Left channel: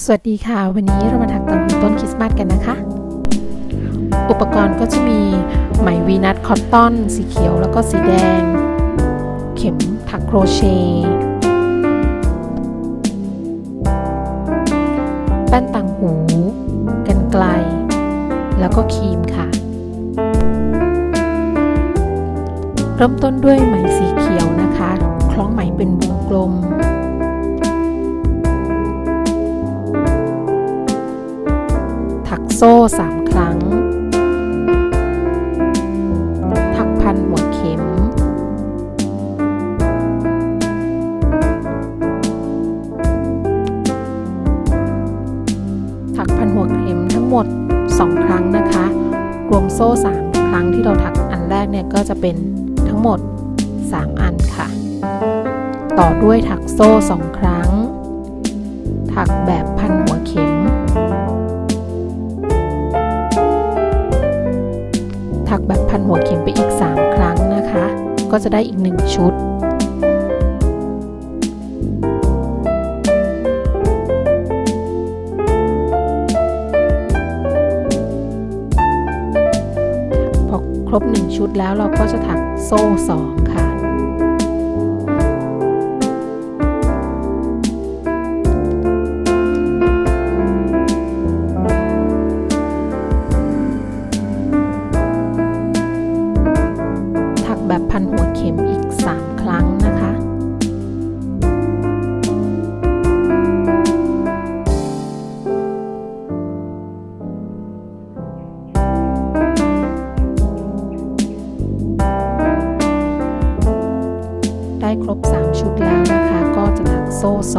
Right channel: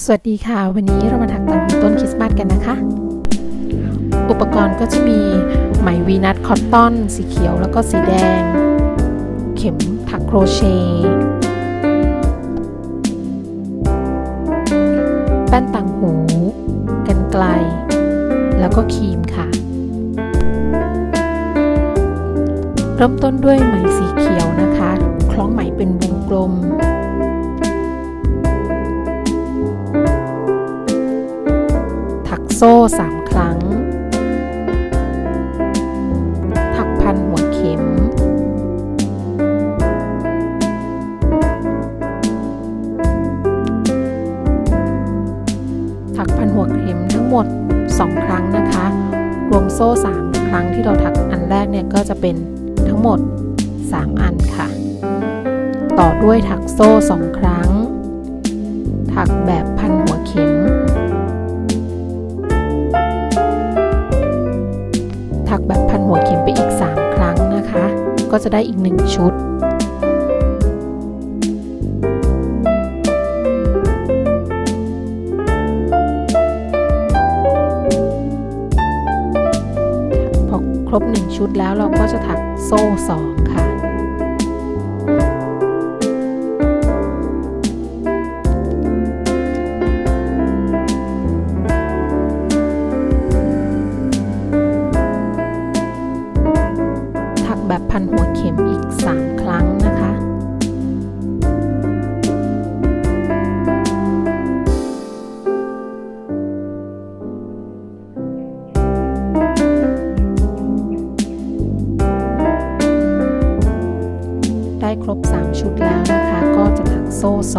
สวัสดีค่ะ วันนี้เรามาถักต่างหูต้นคริสต์มาสกันนะคะ อุปกรณ์ก็จะมีไหมวีนัทคอตตอน สีเขียวแล้วก็สีแดง เข็มถักโครเชต์แป้นต่างหู กันไกล แล้วก็ครีมค่ะ เริ่มต้นด้วยไหมสีเขียวนะคะ คล้องไหมเป็นวงกลม ซ่ 3 ครั้ง ถักพันหัวเข็ม ถักพันหัวเข็มทั้งหมด 2 ครั้งนะคะ รวมโซ่ 3 ครั้งที่เราถักอันแรกเนี่ยก็จะเป็นทั้งหมด 3 อันค่ะ ต่อด้วยถักโซ่ 2 ครั้ง ถักแบบพัน แบบพันหัวเข็มไปอีก 3 ครั้งนะคะ ก็จะได้อีก 1 ชุด พอครบ 1 ชุดแล้วเราก็จะถักโซ่ 2 ค่ะ ครบ 3 ชุดแล้วนะคะ ก็จะถักโซ่ 2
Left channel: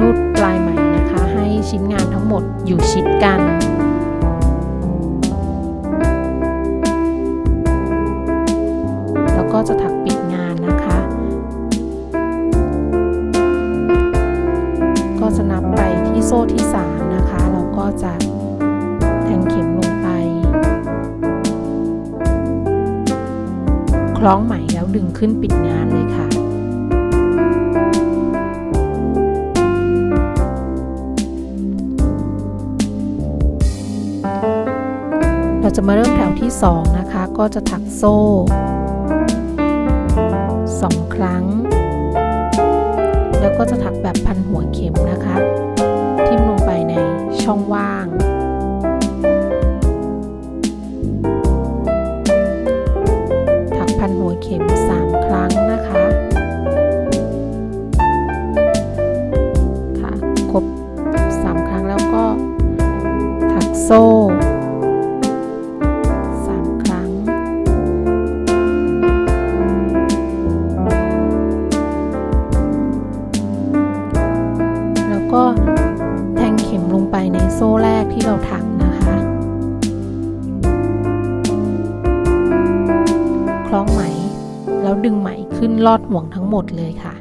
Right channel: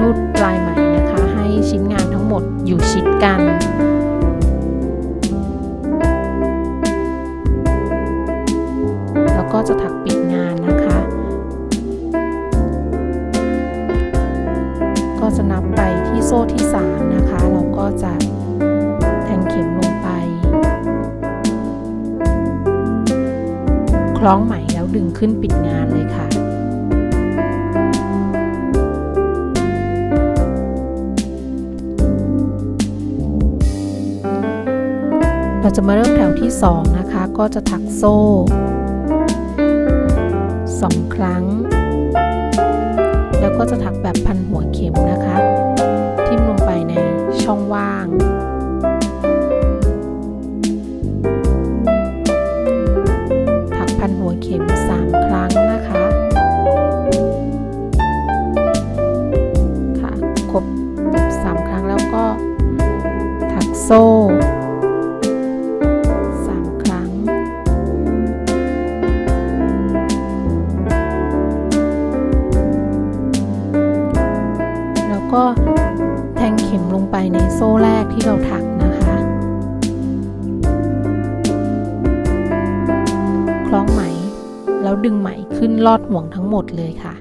รูดปลายไหมนะคะ ให้ชิ้นงานทั้งหมดอยู่ชิดกัน ที่โซ่ที่ 3 นะคะ เราก็จะแทงเข็มลงไป คล้องไหมแล้วดึงขึ้นปิดงานเลยค่ะเราจะมาเริ่มแถวที่ 2 นะคะ ก็จะถักโซ่ 2 ครั้ง แล้วก็จะถักแบบพันหัวเข็มนะคะ ทิ่มลงไปในช่องว่าง ถักพันหัวเข็ม 3 ครั้งนะคะค่ะ เราถักนะคะ คล้องไหม แล้วดึงไหมขึ้นลอดห่วงทั้งหมดเลยค่ะ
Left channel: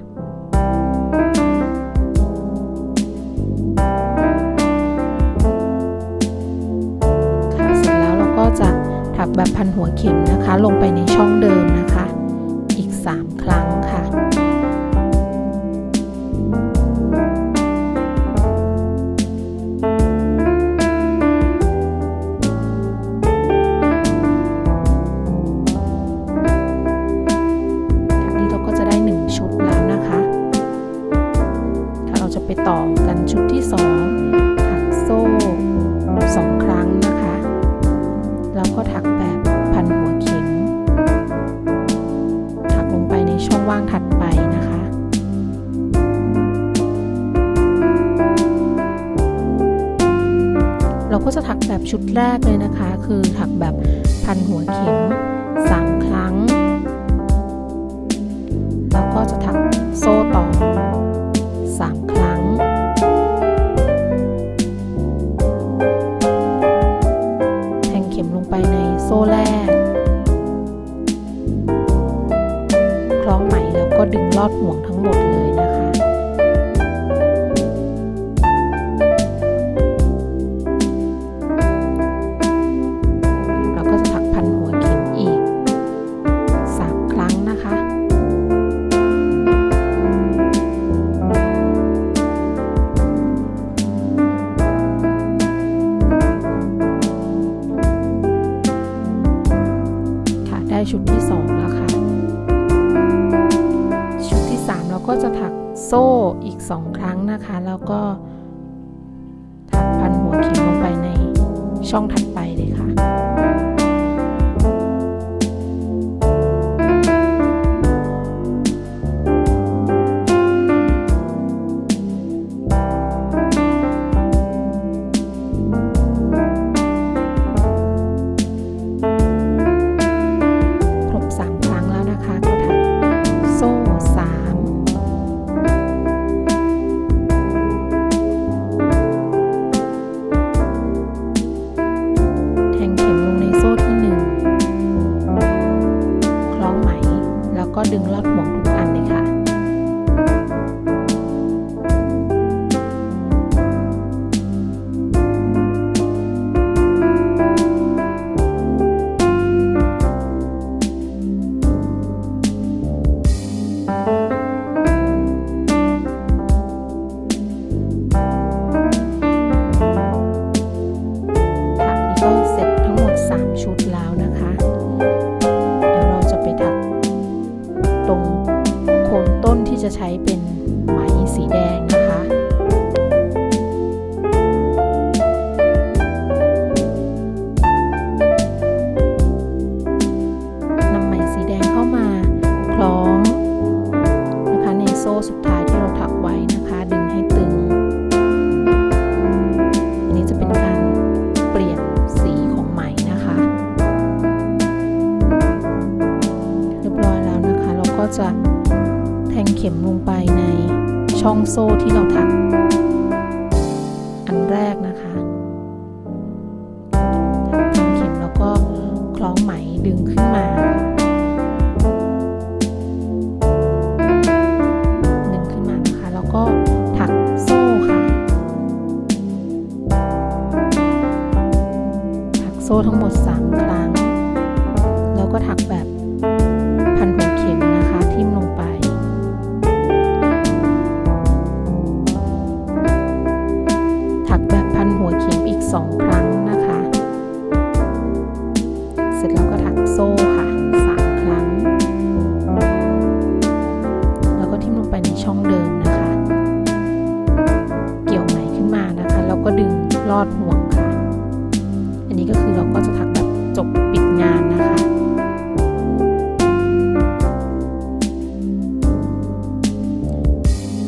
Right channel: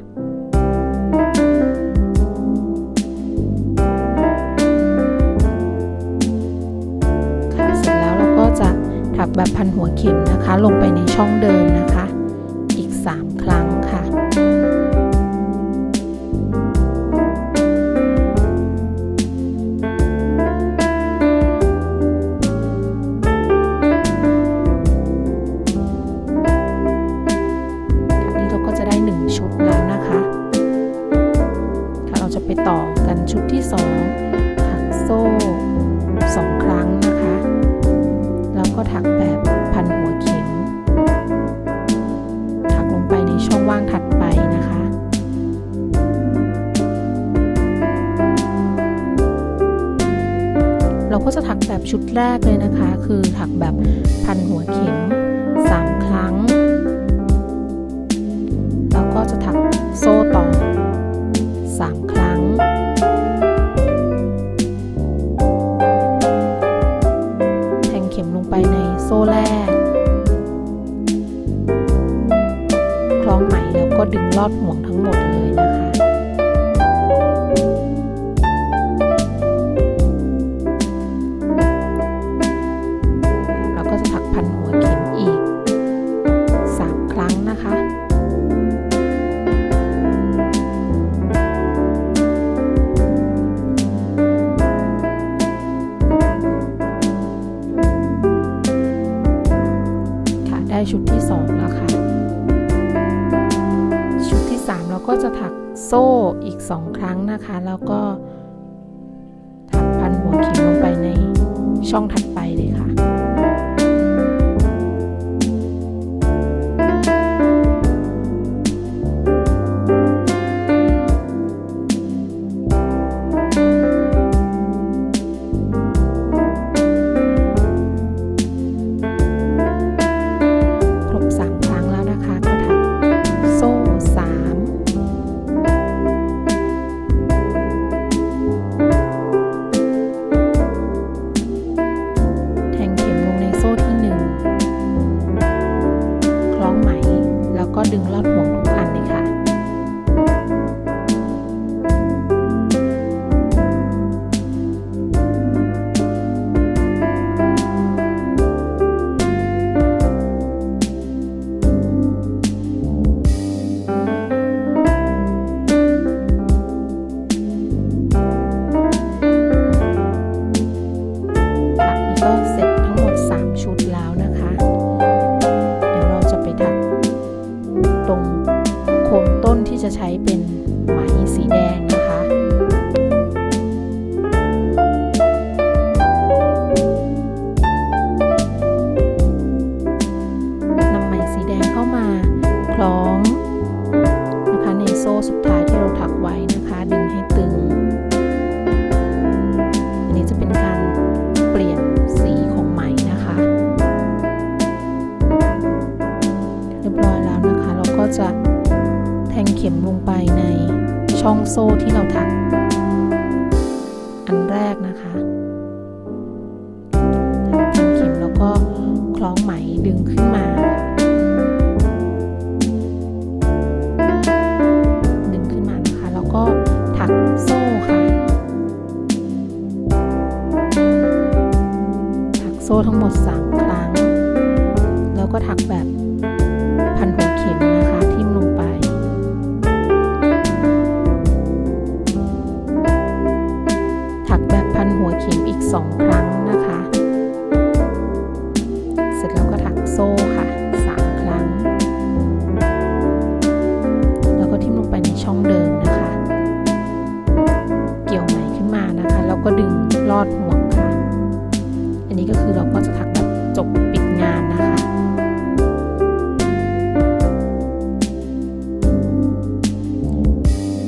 ค่ะเสร็จแล้วเราก็จะถักแบบพันหัวเข็มนะคะ ลงไปในช่องเดิมนะคะ อีก 3 ครั้ง ต่อกันชุดที่ 2 ถักโซ่ 2 ครั้งนะคะ แล้วก็ถักแบบพันหัวเข็ม ถักลงไปในช่องว่างถัดไปนะคะเราก็จะถักแบบชุดแรกเลยนะคะ คือถักแบบพันหัวเข็ม 3 ครั้ง แล้วก็จะถักโซ่ต่อ 3 ครั้ง แทงเข็มลงไปในโซ่แรก คล้องไหมแล้วก็ดึงลอดห่วงทั้งหมดเลยนะคะเราก็จะ ได้ชุดที่สองแล้วค่ะ ชุดที่สามเราก็จะถักโซ่อีกสองครั้งนะคะ แล้วก็ถักพันหัวเข็มลงไปในช่องถัดไปเลยค่ะ ตรงโคนต้นที่จะใช้เป็นไหมสีแดงนะคะ นำไหมสีแดงเข้ามาคล้องนะคะในโซ่สุดท้ายที่เราถักไว้นะคะ ข็มลงไปในช่องโซ่ที่เราถัก อันแรกนะคะแทงเข็มแล้วก็คล้องไหมดึงขึ้นมาค่ะดึงขึ้นมานะคะ แล้วก็ถักโซ่ค่ะ ถักโซ่ทั้งหมด3 นนี้ก็คือเราก็จะถักแบบจบปิดงานนะคะ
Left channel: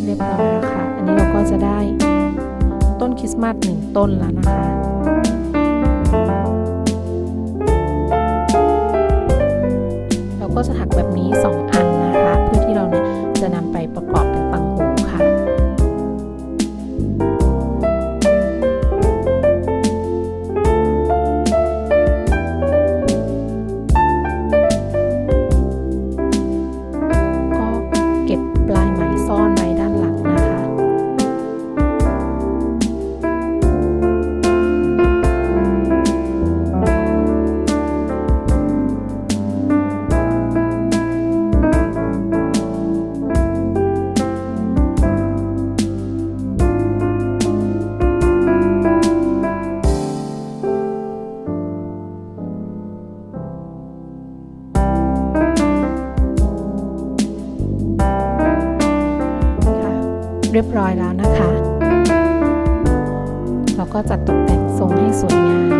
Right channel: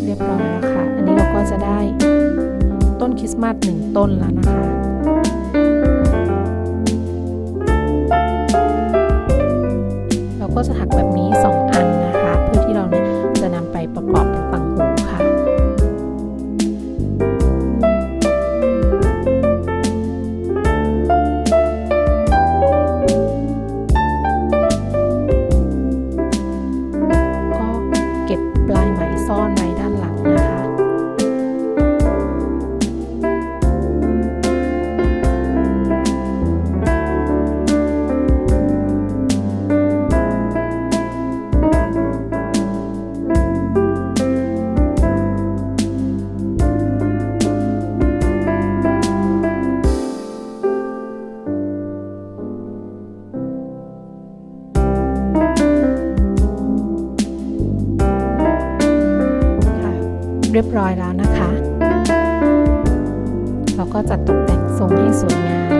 เรียบร้อยแล้วค่ะ อันนี้เราก็จะได้ต้นคริสต์มาสหนึ่งต้นแล้วนะคะเราก็จะถักแบบนี้ 2 อันนะคะ เพื่อที่เราเนี่ยจะนำไปประกอบเป็นต่าง รียบร้อยแล้วนะคะ เราก็จัดตกแต่งทรงให้สวยงาม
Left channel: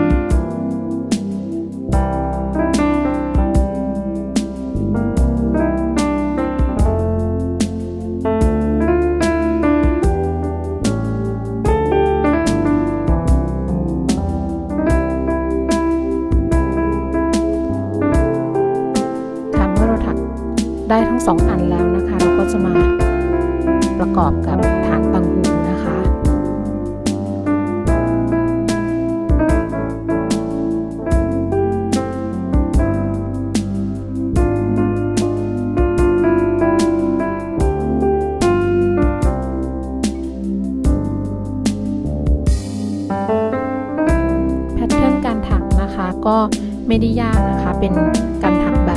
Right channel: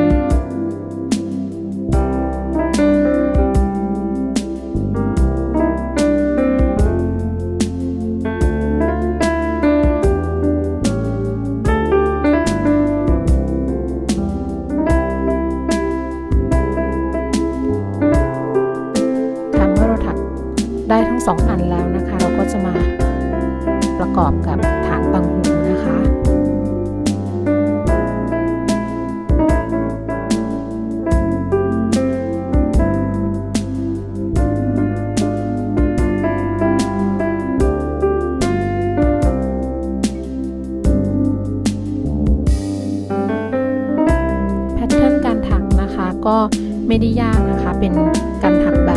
ทำเมื่อเราถักได้ทั้งสองอันแล้วนะคะ เราก็จะมา ประกอบกับฐานตังหูนะคะแพทเทิร์นการถักนะคะก็ไม่ได้ยากนะคะ เป็นการถักแบบ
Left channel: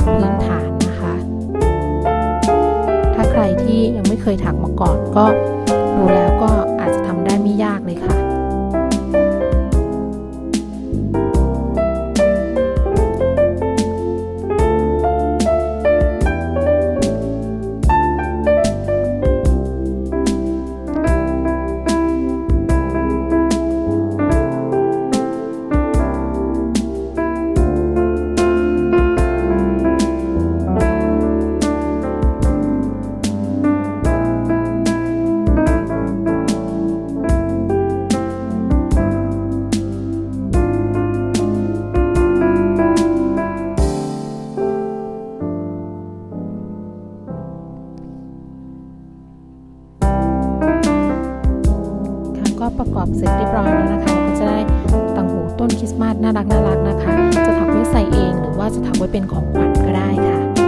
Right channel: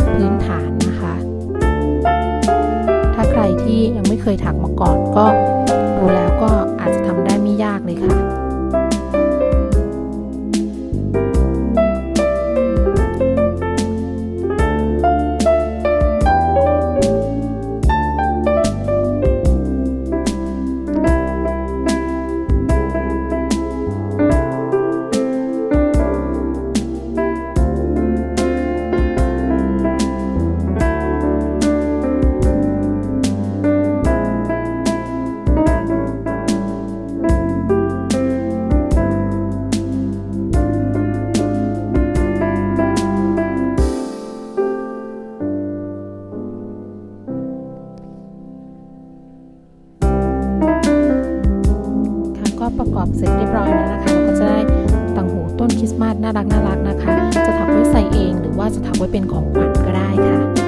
ที่ยังไม่เคยถักมาก่อน ก็ดูแล้วก็อาจจะทำได้ไม่ยากเลยค่ะ ประกอบเสร็จเรียบร้อยแล้วนะคะเราก็จะได้ต่างหูต้นคริสต์มาสน่ารักน่ารักนะคะ จะถักไว้ใส่เองหรือว่าจะถักไว้เป็นของขวัญก็ได้ค่ะ